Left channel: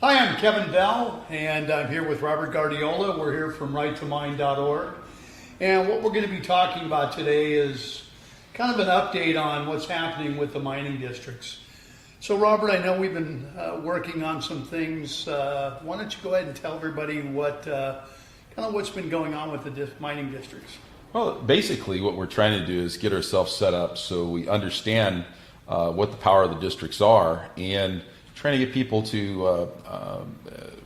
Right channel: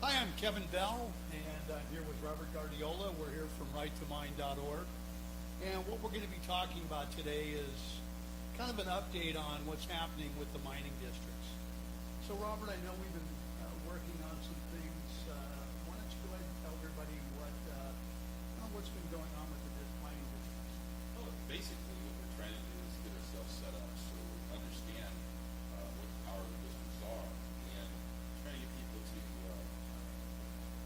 Hi, I'm Kevin Bell, and I'm here with Robert Guardiola. We're here from righttomine.org. And what we're going to be talking about today is kind of an update on what's happening with the mining districts. So, Robert, I know we've been working on some things. Why don't you go ahead and tell everybody what's been going on with the mining districts? Well, basically what we're trying to do is get ourselves set up so we understand what the power of the districts are, and trying to get people to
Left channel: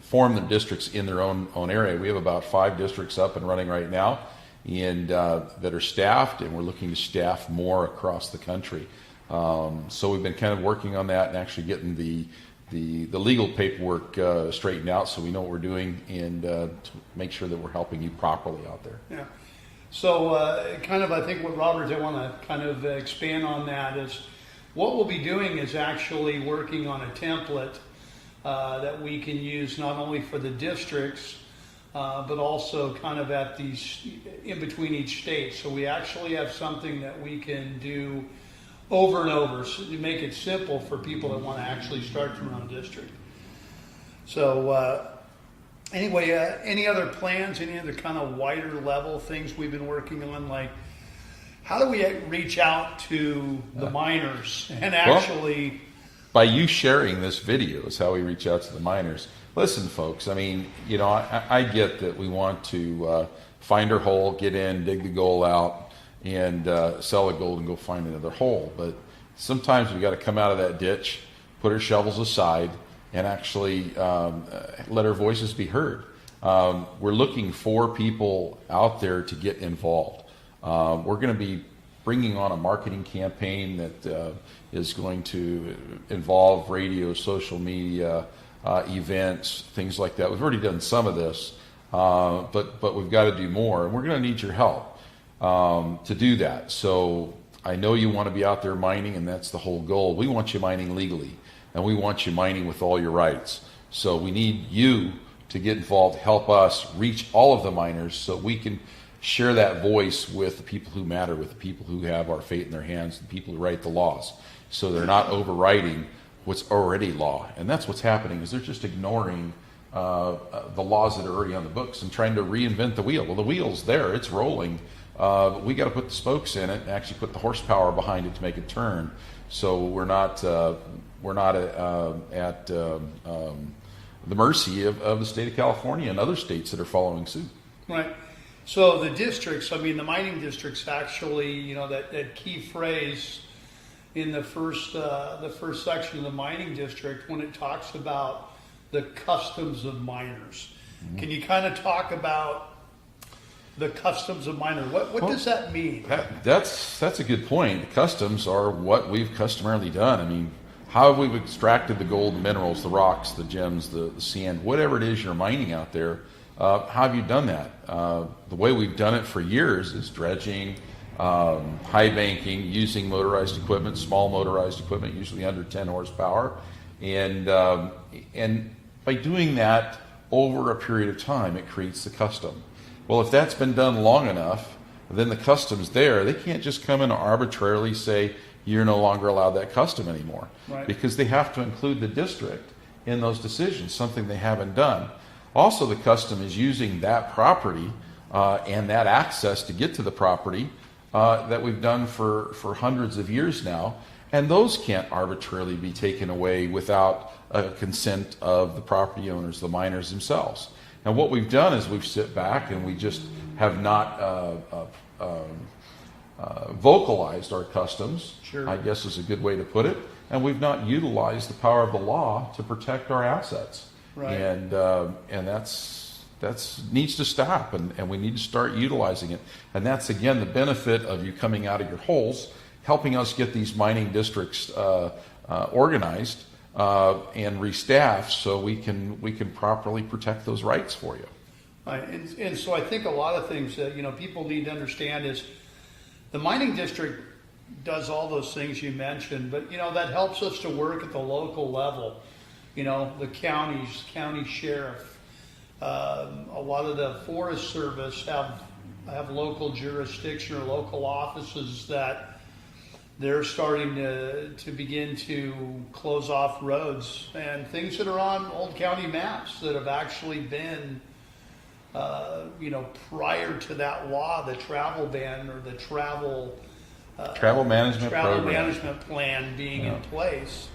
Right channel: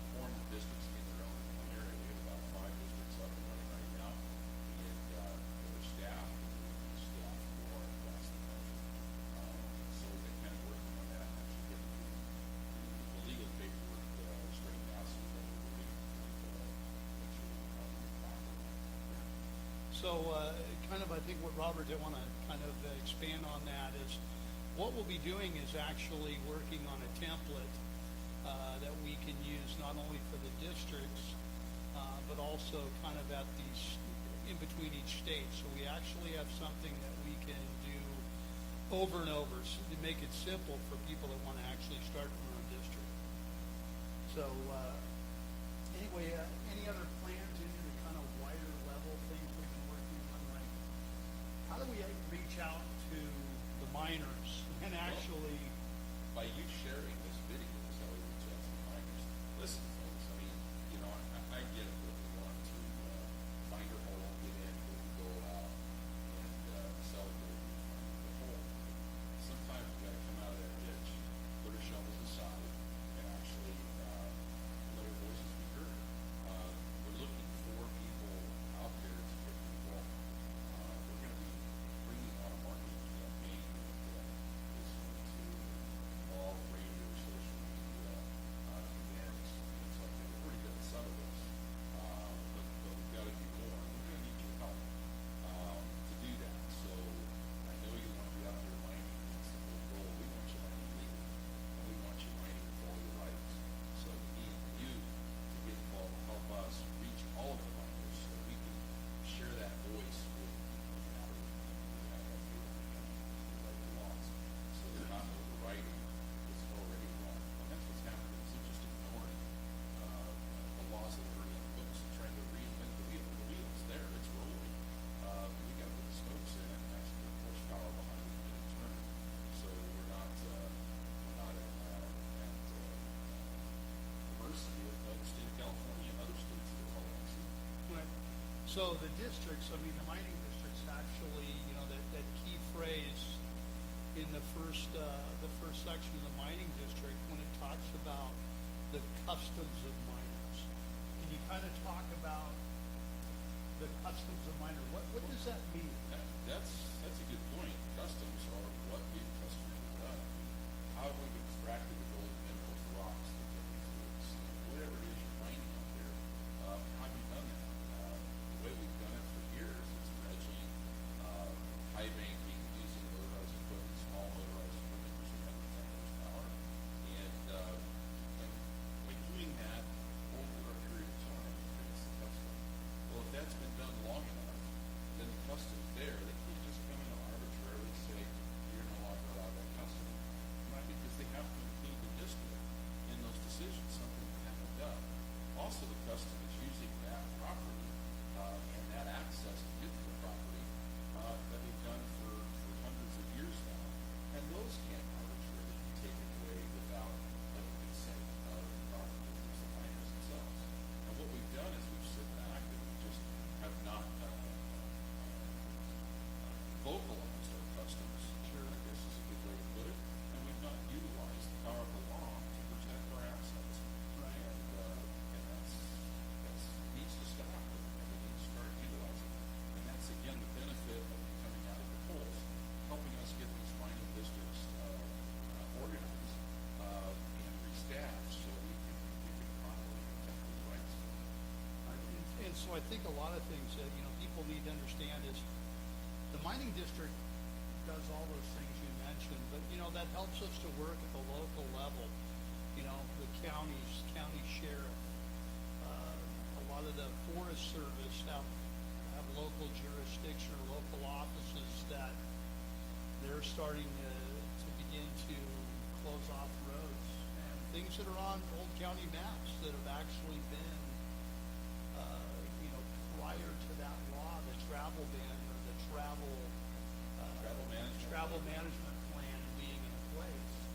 form their districts in their own area. We have about 5 districts up and running right now, and that are staffed, and we're looking to staff more across the country. So we've been kind of working on that and actually getting the legal paperwork straightened out so we know what we're doing, and to make sure that we're helping you properly out there. Yeah. So I think what Robert, I want to kind of expand on that is what we'll be doing is actually working on a template that we can use not only for the districts, but also kind of at these, in between each state. So we actually have something that we can do over and over so to make it simple for people that want to actually start their own district. So anyway, any other plans, any other kind of wider level things we've been working on, like how do we reach out to the miners and actually... Well, by you sharing this video is how we reach out to the miners. Listen, folks, I mean, you know, I get that we want to find our hole, get in, dig the gold out, and sell the gold and go find another hole. But sometimes we got to come out of that ditch, put our shovels aside, and actually let our voices be heard. We're looking for people out there to get involved. We're going to be bringing on a marketing campaign that is going to involve radio, social media, events, things like that. We've already done some of this, but we've got to do more, and we're going to need your help to do that. So I know you want to be out there mining, and that's the whole goal. We want you mining legally, and we want you mining with all your rights. So we need you to get involved, help us reach all of the miners so we can share that voice with the people who matter, with the people who have our fate in their hands, the people who write the laws, so they're not overriding what's already law. And that's what's happening, is they're just ignoring the laws that are already on the books and trying to reinvent the wheel. Well, the wheel's there, it's rolling. We got to put the spokes in it and actually put the horsepower behind it to make it turn. So we're not at the mercy of the state of California and other states that are following suit. Right. So the districts, I mean, the mining districts actually, you know, that key phrase in the first section of the mining district when it talks about the customs of miners. Mm-hmm. Can you kind of talk about the customs of miners? What does that mean? That's a good point. The customs are what we've customarily done. I mean, how we've extracted the gold, the minerals, the rocks, the gems, the sand, whatever it is you're mining out there. How have you done that? The way we've done it for years is dredging, high banking, using motorized equipment, small motorized equipment, usually under 10 horsepower, and by doing that over a period of time, it creates the custom. Well, if that's been done long enough, then the custom's there. They can't just come in and arbitrarily say you're no longer allowed that custom anymore, right? Because they have to include the district in those decisions, something they haven't done. Also, the custom is using that property and that access to get to the property that we've done for hundreds of years now, and those can't arbitrarily be taken away without consent of the property owners, the miners themselves. Now, what we've done is we've sit back and we just have not vocalized our customs, sure, I guess is a good way to put it, and we've not utilized the power of the law to protect our assets. Right. And that's needs to stop, and we need to start utilizing it. And that's, again, the benefit of you coming out of your holes, helping us get these mining districts organized and restaffed so we can properly protect those rights for you. Right. And so I think a lot of things that, you know, people need to understand is the mining district does all those things you mentioned, but, you know, that helps us to work at the local level. You know, the county sheriff, a lot of the Forest Service have local jurisdiction or local offices that they're starting to begin to close off roads and things that are on old county maps that have actually been, prior to that law, the travel ban or the Travel management travel program. management plan being in place.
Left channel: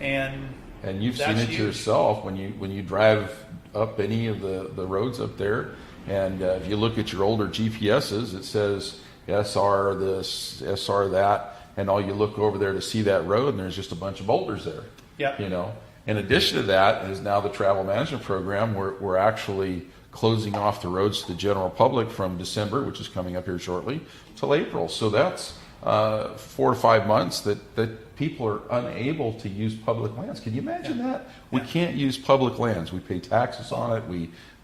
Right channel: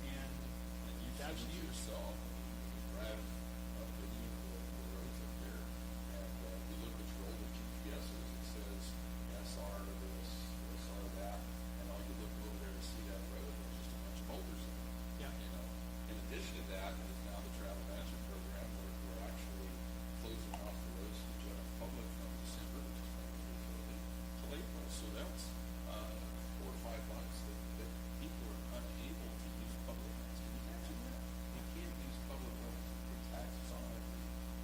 Yeah. And And you've seen that's it huge. yourself when you drive up any of the roads up there, and if you look at your older GPSs, it says SR this, SR that, and all you look over there to see that road, and there's just a bunch of boulders there. Yep. You know, in addition to that is now the travel management program. We're actually closing off the roads to the general public from December, which is coming up here shortly, till April. So that's 4 to 5 months that people are unable to use public lands. Can you imagine that? We can't use public lands. We pay taxes on it.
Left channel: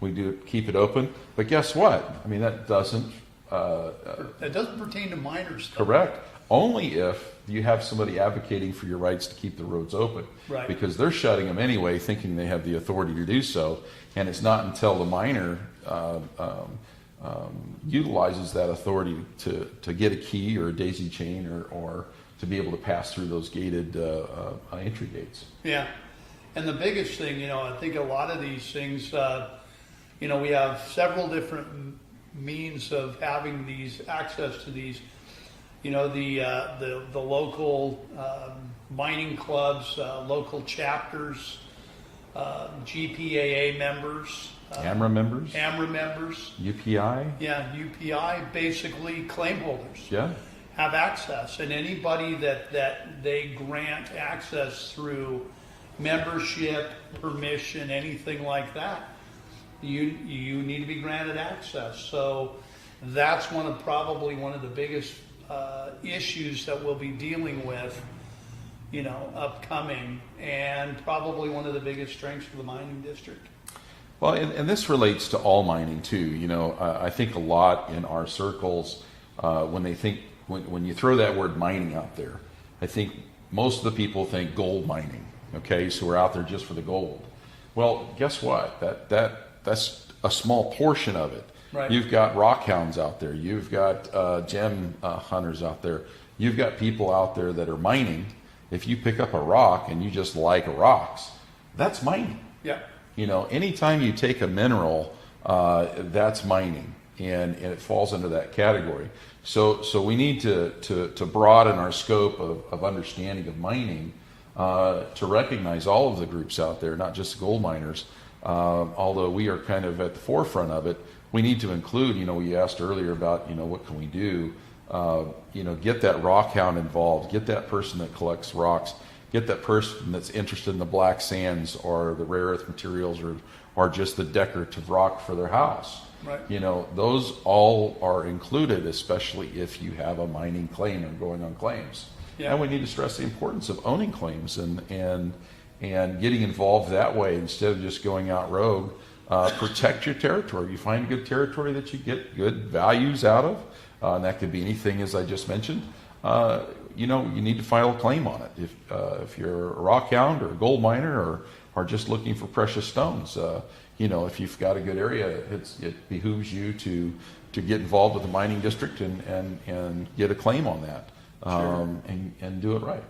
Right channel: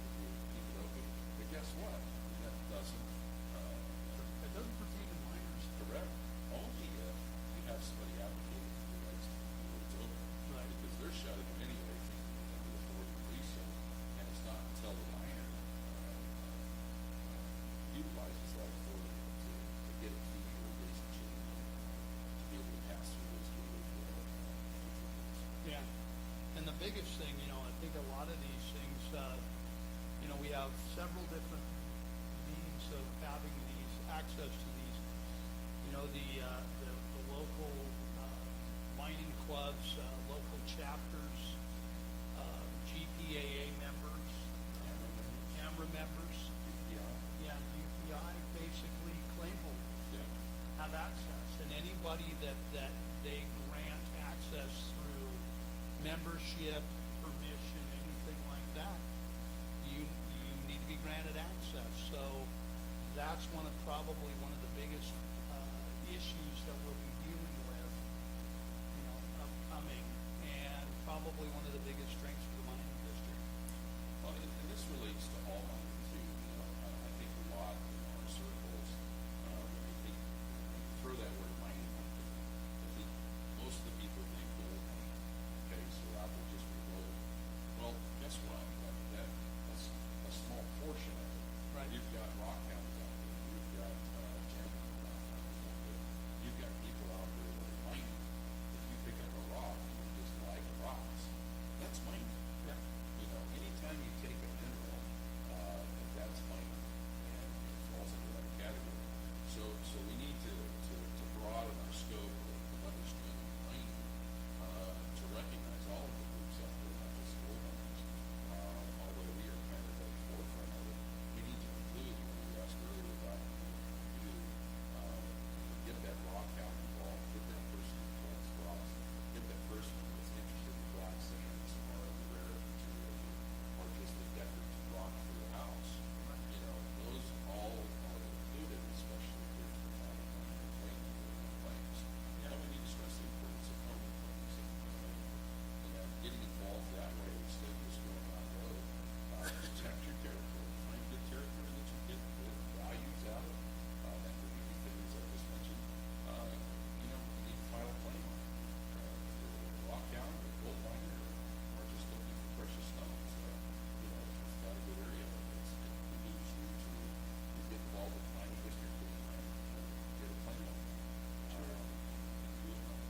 We do keep it open. But guess what? I mean, that doesn't it doesn't pertain to minors, though. correct. Only if you have somebody advocating for your rights to keep the roads open. Right. Because they're shutting them anyway, thinking they have the authority to do so. And it's not until the minor utilizes that authority to get a key or a daisy chain or to be able to pass through those gated entry gates. Yeah, and the biggest thing, I think a lot of these things, we have several different means of having these access to these. The local mining clubs, local chapters, GPAA members, AMRA members, AMRA members, UPI, yeah, UPI, basically claim holders. yeah, Have access, and anybody that they grant access through membership, permission, anything like that, you need to be granted access. So that's probably one of the biggest issues that we'll be dealing with, upcoming, and probably one of the biggest strengths of the mining district. Well, and this relates to all mining too. I think a lot in our circles when they think when you throw that word mining out there, I think most of the people think gold mining. Okay, so we're out there just for the gold. Well, guess what? That's a small portion of it. Right. You've got rock hounds out there. You've got gem hunters out there. You've got people out there that are mining. If you pick up a rock and you just like rocks, that's mining. Yeah. Anytime you take a mineral, that's mining, and it falls into that category. So we need to broaden our scope of understanding of mining to recognize all of the groups out there, not just gold miners. Although we are kind of at the forefront of it, we need to include, we asked earlier about, what can we do? Get that rock hound involved, get that person that collects rocks, get that person that's interested in the black sands or the rare earth materials or just the decorative rock for their house. Right. Those all are included, especially if you have a mining claim and going on claims. Yeah. And we need to stress the importance of owning claims and getting involved that way instead of just going out rogue. Protect your territory. You find a good territory that you get good values out of, and that could be anything as I just mentioned. You need to file a claim on it. If you're a rock hound or a gold miner or just looking for precious stones, if you've got a good area, it behooves you to get involved with the mining district and get a claim on that, Sure. and do it right.